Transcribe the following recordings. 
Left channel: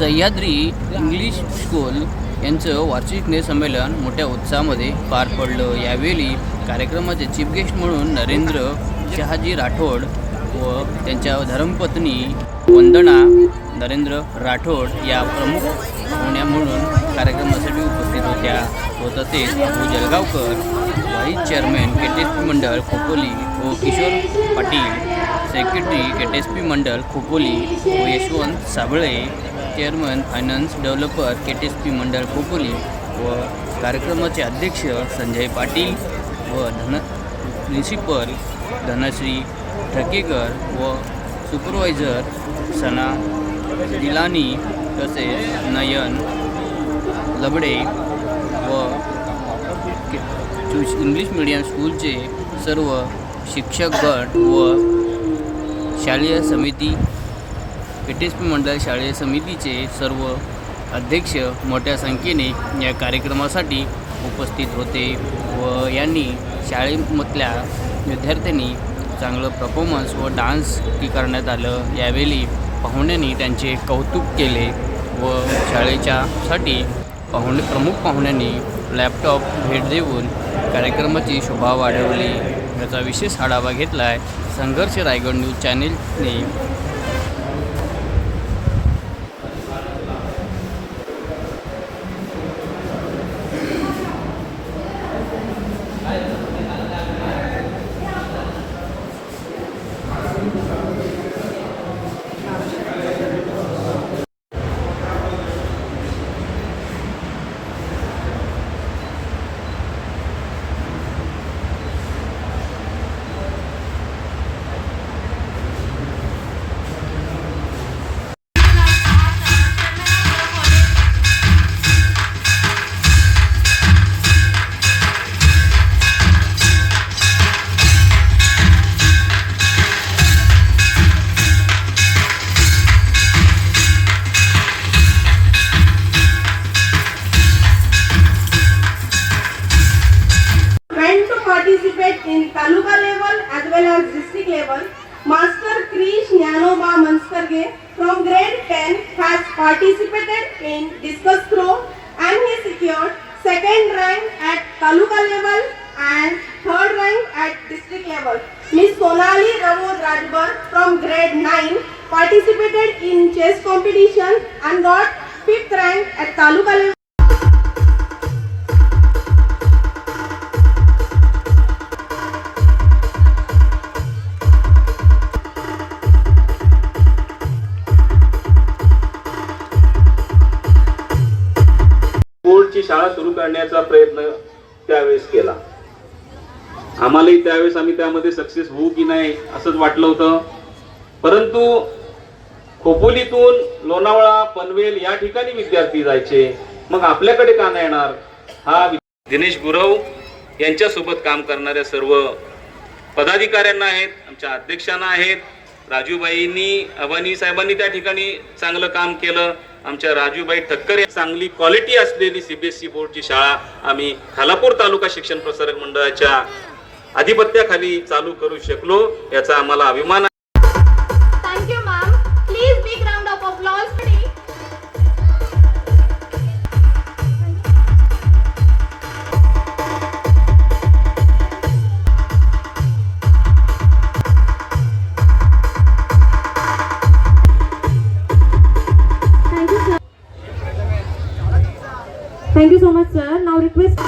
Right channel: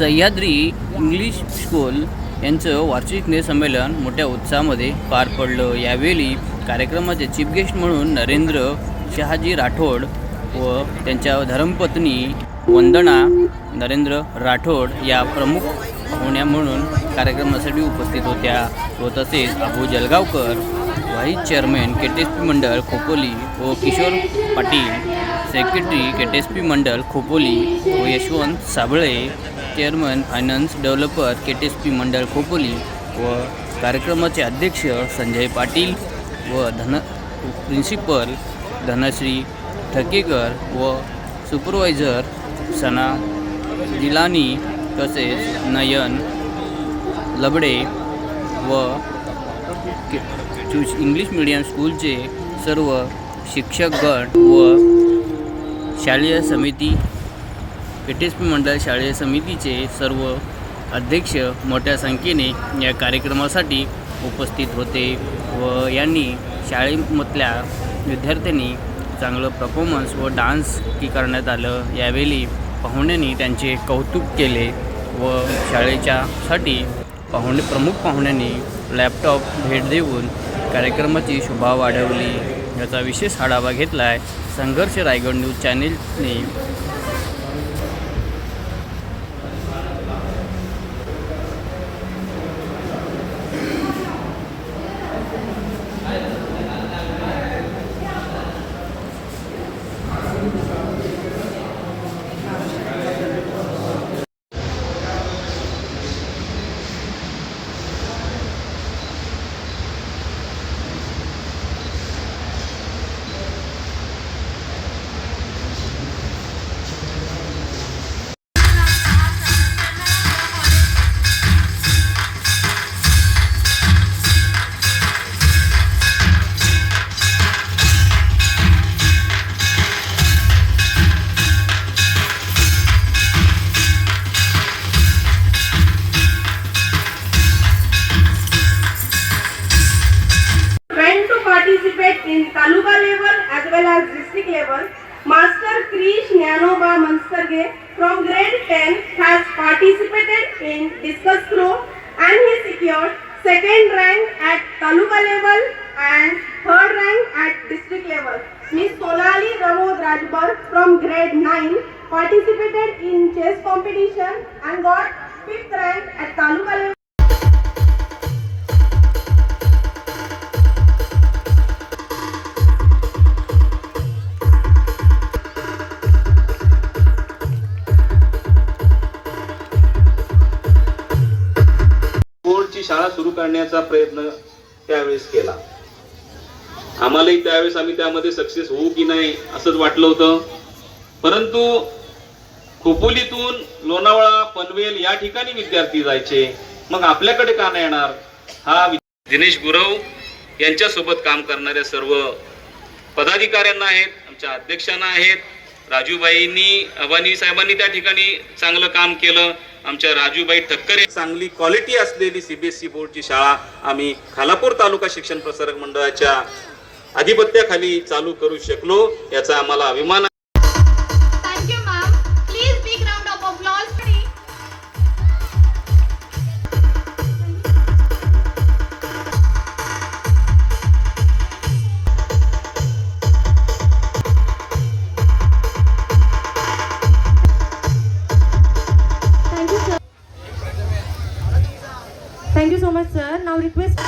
Sahyadri English school यांचं वार्षिक स्नेहसंमेलन मोठ्या उत्साहामध्ये पार पडलं. यावेळी कार्यक्रमाचे चीफ गेस्ट म्हणून नरेंद्र शहाजी राठोड व त्यांच्या धर्मपत्नी वंदना नरेंद्र राठोड या प्रमुख होण्या म्हणून कार्यक्रमासाठी उपस्थित होत्या व तसेच Abu Jalgaonkar vice chairman K T S P मंडळ खोपोली व Kishore Patil secretary K T S P मंडळ खोपोली व Yashwant Sable chairman finance developer K T S P मंडळ खोपोली व कार्यक्रमाचे अध्यक्ष संजय पाटील व धन प्रिन्सिपल धनश्री ठकेकर व सुपरवायझर सना दिलानी तसेच नयन लबडे व चूज इंग्लिश मीडियम स्कूलचे सर्व शिक्षक गट व शालेय समिती एस पी मंडळ शालेय समितीचे सर्व अध्यक्ष मोठ्या संख्येने या कार्यक्रमासाठी उपस्थित होते व यांनी शाळेमधल्या विद्यार्थ्यांनी चांगलं परफॉर्मन्स व डान्स की करण्यात आलं. यावेळी पाहुण्यांनी त्यांचे कौतुक केले व शाळेच्या साठी पाहुणे प्रमुख पाहुण्यांनी लॅपटॉप भेट देऊन कार्यक्रमाची शोभा वाढवली. याचा विशेष आढावा घेतला आहे Sangharsh Raigad news चॅनेलने Participate in taluka level as well as district level. Master Krish Nyanoba Manskarge from grade 10 has participated in discus throw and he secured second rank at taluka level and third rank at district level. Miss Sonali Ravod Rajbar from grade 9 participated in chess competition and got fifth rank at taluka level. शाळा सुरू करण्याचा प्रयत्न त्यावेळेस केला. आम्हालाही त्यावेळेस आम्ही त्यामध्ये सक्सेस होऊ की नाही असंच वाटलं होतं. परंतु खोपोलीतून लोणावळा पनवेल या ठिकाणी विद्यार्थी जायचे. मग आपल्याकडे का नाही येणार? हा दिनेश गुरव यांच्यासोबत काम करणाऱ्या सर्व पदाधिकाऱ्यांना आहेत आमच्या अध्यक्षांना आहेत. राजूबाईंनी अबानी साहेबांनी त्या ठिकाणी चांगलं काम केलं. आमच्या राजूबाई ठक्कर. चांगली क्वालिटी असलेली सीबीएसई बोर्डची शाळा आम्ही खालापूर तालुका शिक्षण प्रसारक मंडळाच्या आधिपत्याखाली चालू करू शकलो याचा आम्हाला अभिमान Thank you so much, sir. Now request.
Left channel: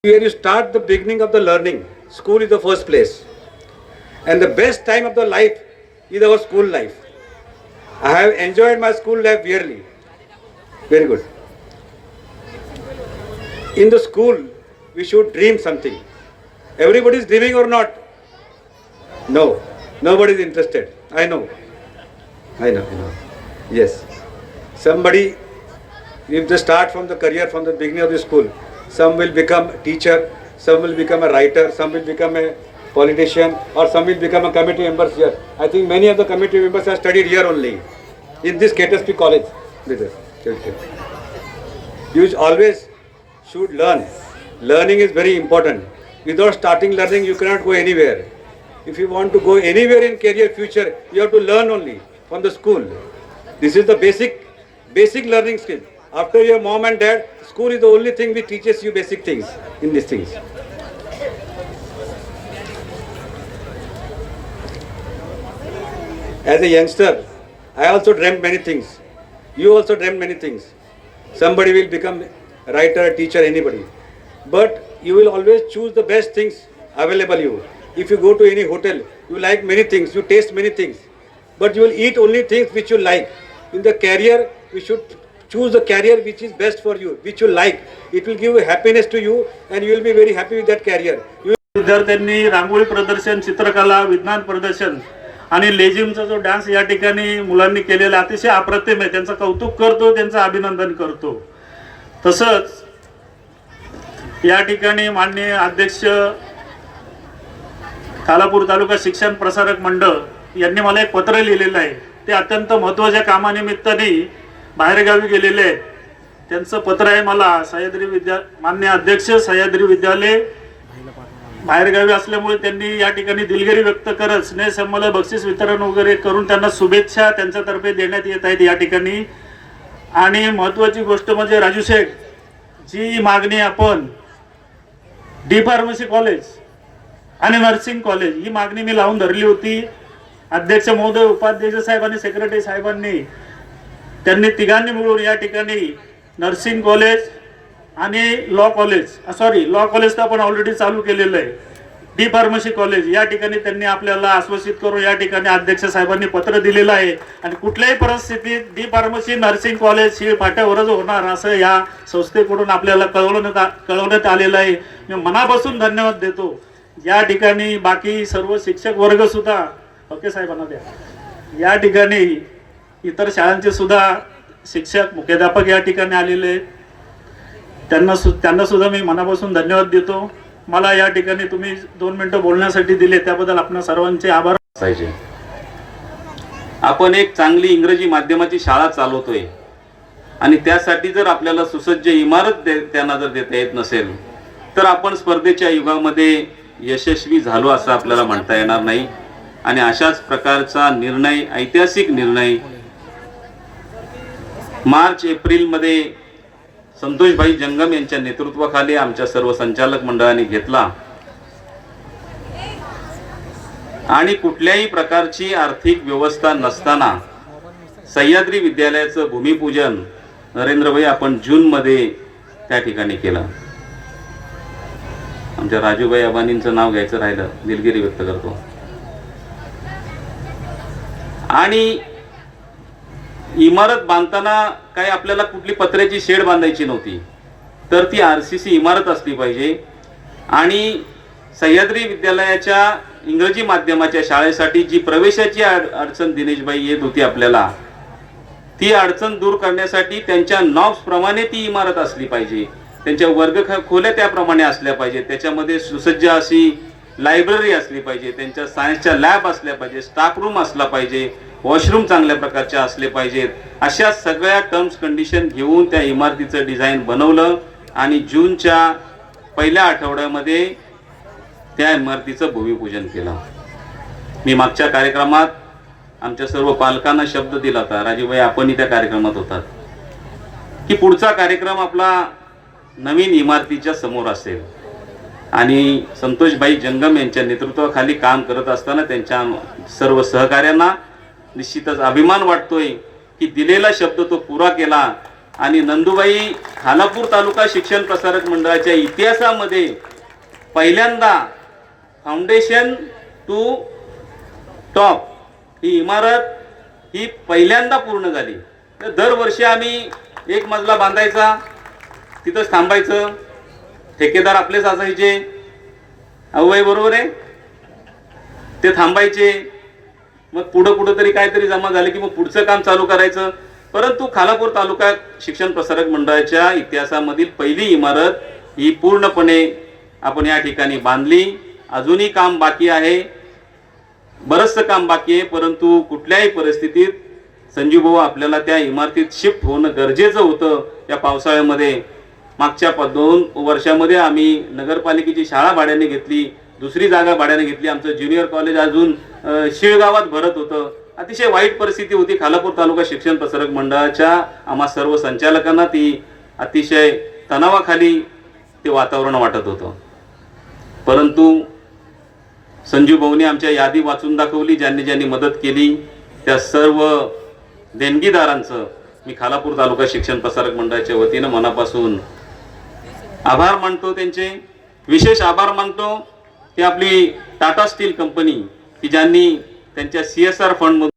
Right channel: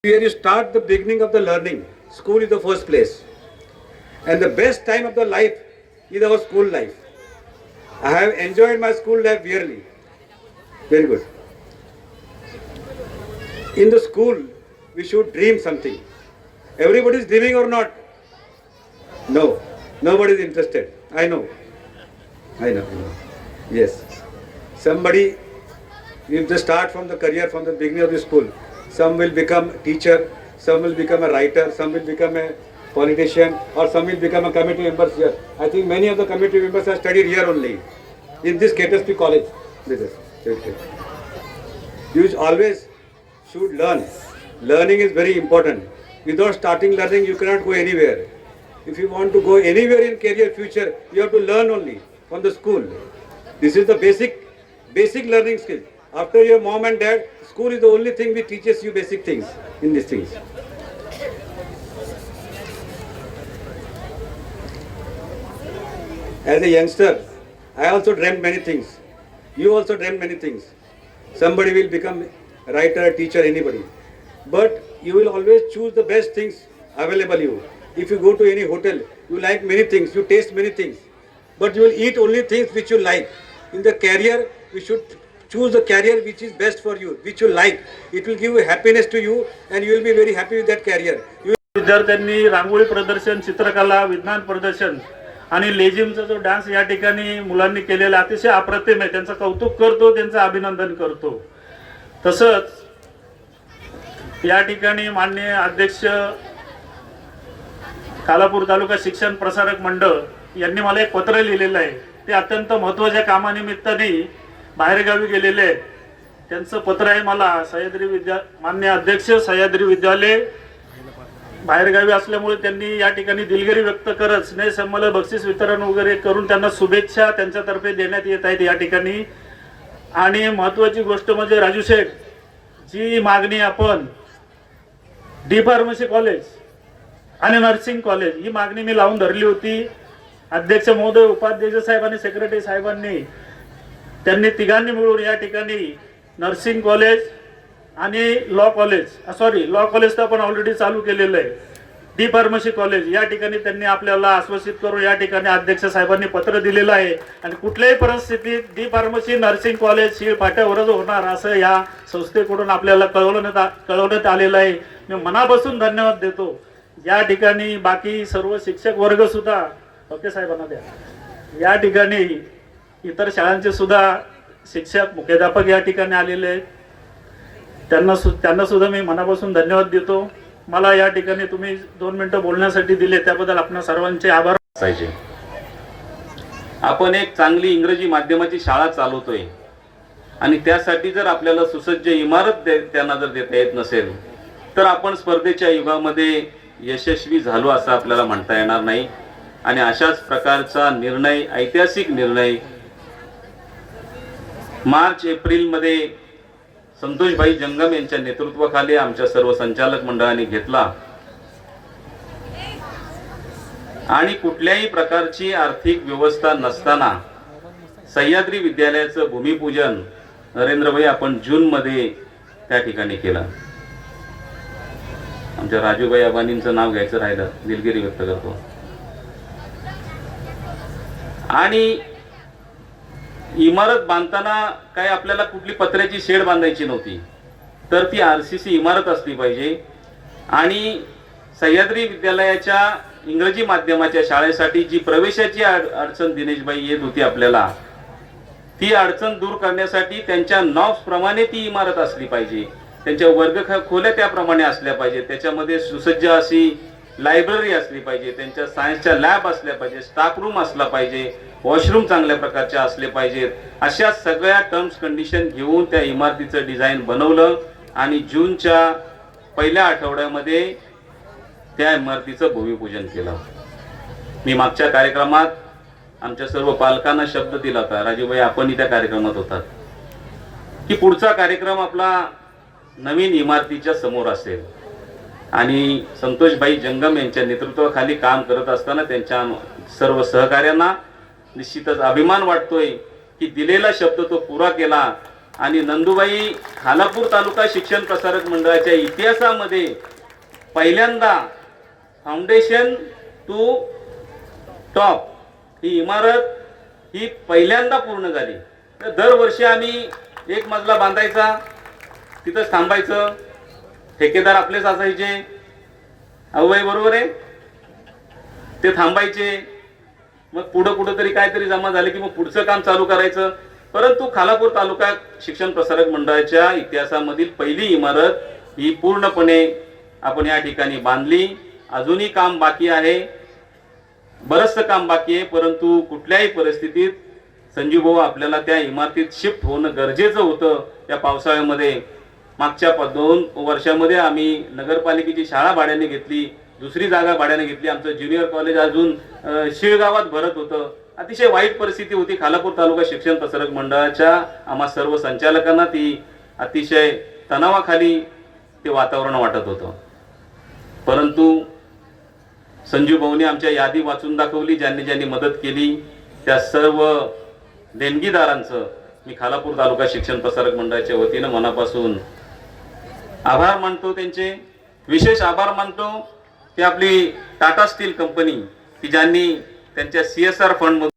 Where you start the beginning of the learning, school is the first place. And the best time of the life is our school life. I have enjoyed my school life dearly. Very good. In the school, we should dream something. Everybody is dreaming or not? No. Nobody is interested. I know. I know. Yes. Somebody if they start from the career from the beginning of the school some will become teacher some will become a writer some will become a politician or some will become a committee members here i think many of the committee members have studied here only in this KTSP college You always should learn. Learning is very important. Without starting learning, you cannot go anywhere. If you want to go anywhere in career future, you have to learn only from the school. This is the basic, basic learning skill. After your mom and dad, school is the only thing which teaches you basic things in these things. As a youngster, I also dreamt many things. You also dreamt many things. Somebody will become a writer, teacher, anybody. But you will always choose the best things available you. If you go to any hotel, you like many things, you taste many things. But you will eat only things which you like. In the career, we should choose the career which is best for you, which you like. It will give happiness to you and you will be very happy with that career. You विद्यार्थ्यांनी रांगोळी प्रदर्शन चित्रकला विज्ञान प्रदर्शन आणि लेझिमचा जो dance या ठिकाणी मुलांनी केलेला अतिशय अप्रतिम आहे त्यांचं कौतुक करतो त्यांचं अभिनंदन करतो तसंच या ठिकाणी माननीय अध्यक्ष कालापूर तालुका शिक्षण प्रसारक मंडळ यांनी मला एक पत्र लिहिलेलं आहे. ते अत्यंत महत्त्वाच्या कामानिमित्ताने बाहेरगावी गेलेले आहेत. त्यांचं पत्र आहे मला सह्याद्री विद्या मान्य अध्यक्ष सह्याद्री विद्यालय बाहेरगावी असल्यामुळे त्यांनी या ठिकाणी दिलगिरी व्यक्त करत स्नेहसंमल बक्षीस वितरण वगैरे करून त्यांना शुभेच्छा त्यांच्यातर्फे देण्यात येत आहेत या ठिकाणी. आणि महत्त्वाची गोष्ट म्हणजे राजू शेख जी मागणी आपण डी फार्मसी कॉलेज आणि नर्सिंग कॉलेज ही मागणी मी लावून धरली होती. अध्यक्ष महोदय उपाध्यक्ष साहेब आणि सेक्रेटरी साहेबांनी त्यांनी तिघांनी मिळून या ठिकाणी नर्सिंग कॉलेज आणि law college sorry law college तर आपण ऑलरेडी चालू केलेलं आहे. डी फार्मसी कॉलेज या ठिकाणी त्यांनी आपल्याला आश्वासित करून या ठिकाणी अध्यक्ष साहेबांनी पत्र दिलेलं आहे. आणि कुठल्याही परिस्थितीत डी फार्मसी नर्सिंग कॉलेज ही फाट्यावरच होणार असं या संस्थेकडून आपल्याला कळवण्यात कळवण्यात आलेलं आहे. मी मनापासून धन्यवाद देतो. या ठिकाणी बाकी सर्व शिक्षक वर्ग सुद्धा ओके साहेबांना द्या. या ठिकाणी इतर शाळांचे सुद्धा शिक्षक मुख्याध्यापक या ठिकाणी आलेले आहेत. त्यांना सु त्यांना सुद्धा मी मनापासून धन्यवाद देतो. मला या ठिकाणी तुम्ही दोन मिनिटं बोलण्यासाठी दिले त्याबद्दल आपण सर्वांचे आभार. असायचे. आपण एक चांगली इंग्रजी माध्यमाची शाळा चालवतोय. आणि त्यासाठी जर आपल्याला सुसज्ज इमारत दे- त्यांना जर देता येत नसेल तर आपण स्पर्धेच्या युगामध्ये यशस्वी झालो असं आपल्याला म्हणता येणार नाही. आणि अशाच प्रकारचा निर्णय ऐतिहासिक निर्णय मार्च एप्रिलमध्ये संतोषभाई जंगम यांच्या नेतृत्वाखाली आमच्या सर्व संचालक मंडळाने घेतला. आणि कुठल्याही प्रकारची आर्थिक व्यवस्था नसताना सह्याद्री विद्यालयाचं भूमिपूजन नरेंद्रभाई आपण जूनमध्ये त्या ठिकाणी केलं. आमच्या राजूभाई अबानींचं नाव घ्यायचं राहिलं. दिलगिरी व्यक्त करतो. आणि इमारत बांधताना काय आपल्याला कुठली पत्र्याची शेड बांधायची नव्हती. तर ती आर सी सी इमारत असली पाहिजे. आणि सह्याद्री विद्यालयाच्या इंग्रजी माध्यमाच्या शाळेसाठी जी प्रवेशाची अडचण दिनेशबाई येत होती आपल्याला ती अडचण दूर करण्यासाठी त्यांच्या नॉब्स प्रमाणे ती इमारत असली पाहिजे. त्यांच्या वर्ग खोल्या त्याप्रमाणे असल्या पाहिजे. त्याच्यामध्ये सुसज्ज अशी लायब्ररी असली पाहिजे. त्यांच्या सायन्सच्या लॅब असल्या पाहिजे. स्टाफ रूम असला पाहिजे. वॉशरूम चांगल्या प्रकारचे असले पाहिजेत. अशा सगळ्या टर्म्स कंडिशन घेऊन त्या इमारतीचं डिझाईन बनवलं आणि जूनच्या पहिल्या आठवड्यामध्ये त्या इमारतीचं भूमिपूजन केलं. मी मागच्या कार्यक्रमात आमच्या सर्व पालकांना शब्द दिला होता राजीवभाई आपणही त्या कार्यक्रमात होतात. की पुढचा कार्यक्रम आपला नवीन इमारतीच्या समोर असेल. आणि संतोषभाई जंगम यांच्या नेतृत्वाखाली काम करत असताना त्यांच्या सर्व सहकार्यांना निश्चितच अभिमान वाटतोय की दिलेला शब्द तो पुरा केला. आणि नंदुबाई खालापूर तालुका शिक्षण प्रसारक मंडळाच्या इतिहासामध्ये पहिल्यांदा फाउंडेशन टू टॉप ही इमारत ही पहिल्यांदा पूर्ण झाली. तर दरवर्षी आम्ही एक मजला बांधायचा तिथंच थांबायचं. ठेकेदार आपलेच असायचे अवय बरोबर आहे. ते थांबायचे. मग पुढं कुठं तरी काहीतरी जमा झाले की मग पुढचं काम चालू करायचं. परंतु खालापूर तालुका शिक्षण प्रसारक मंडळाच्या इतिहासामधील पहिली इमारत ही पूर्णपणे आपण या ठिकाणी बांधली. अजूनही काम बाकी आहे. बरंचसं काम बाकी आहे परंतु कुठल्याही परिस्थितीत संजू भाऊ आपल्याला त्या इमारतीत शिफ्ट होणं गरजेचं होतं. या पावसाळ्यामध्ये मागच्या दोन वर्षामध्ये आम्ही नगरपालिकेची शाळा भाड्याने घेतली. दुसरी जागा भाड्याने घेतली. आमचं ज्युनियर कॉलेज अजून शिळगावात भरत होतं. अतिशय वाईट परिस्थिती होती. खालापूर तालुका शिक्षण प्रसारक मंडळाच्या आम्हा सर्व संचालकांना ती अतिशय तणावाखाली ते वातावरण वाटत होतं. परंतु संजू भाऊने आमच्या यादी वाचून दाखवली ज्यांनी ज्यांनी मदत केली त्या सर्व देणगीदारांचं मी खालापूर तालुका शिक्षण प्रसारक मंडळाच्या वतीनं मनापासून आभार मानतो त्यांचे. विशेष आभार मानतो. ती आपली टाटा स्टील कंपनी की ज्यांनी त्यांच्या सी एस आर फंडमधून